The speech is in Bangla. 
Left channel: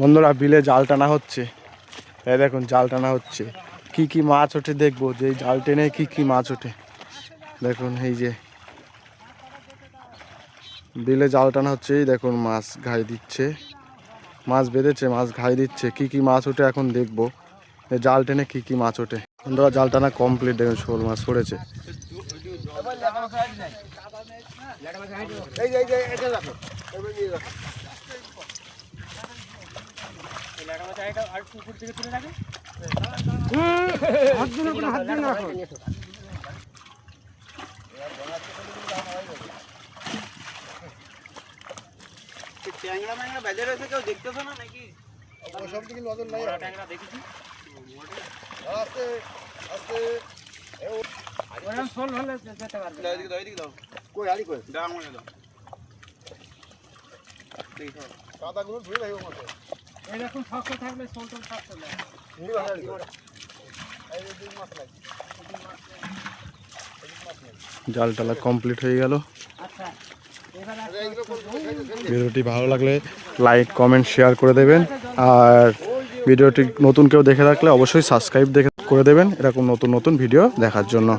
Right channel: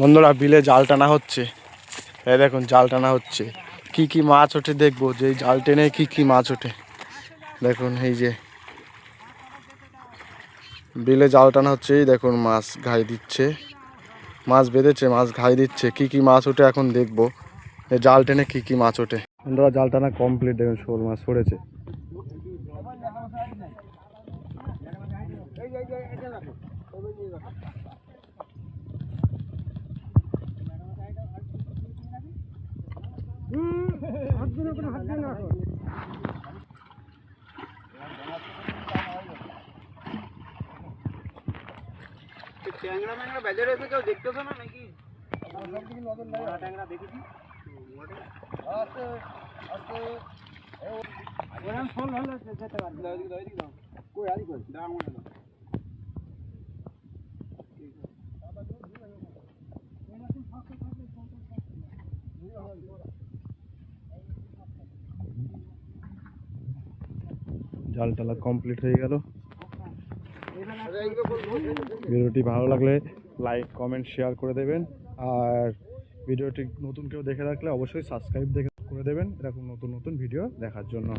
বন্ধুরা বিলে জাল টানা হচ্ছে, এই দেখুন জাল টানা হচ্ছে। কি কি মাছ ওঠে দেখবো, যে জাল টেনে কি কি মাছ ওঠে। দেখুন এই যে বিলে জাল টানা হচ্ছে, এই দেখুন মাছ ঘাই দিচ্ছে, মাছ বেঁধেছে, মাছ ঘাই দিচ্ছে। কি কি মাছ ওঠে এখন দেখবো, জাল টেনে কি কি মাছ ওঠে। বন্ধুরা জাল টানা কমপ্লিট, দেখুন শোল মাছ পড়েছে। ট্যাংরা ম্যাংরা বেজে রয়েছে, কেউ দেখতেছো না নাকি? সব দিকে নজর নাই। ট্যাংরা দেখেছি। আস্তে আস্তে ওরকম শোল হলে যেতে পারবে। এদিকে দাও। কই আলি কই দাও মনে দাও। কাদাগুলো ধুয়ে রাখো মতো। এরকম শক্ত থাকলে শোল টোল শক্ত না। এই ভালো এই দুই মাছ লাগে। জাল টালা কমপ্লিট হয়ে গেল। ভিডিওটি ভালো লাগলে লাইক কমেন্ট শেয়ার করে দেবেন, আর ভিডিওটি নতুন কেউ দেখে রাখলে অবশ্যই সাবস্ক্রাইব করে দেবেন এরকম নতুন নতুন ভিডিও দেখার জন্য।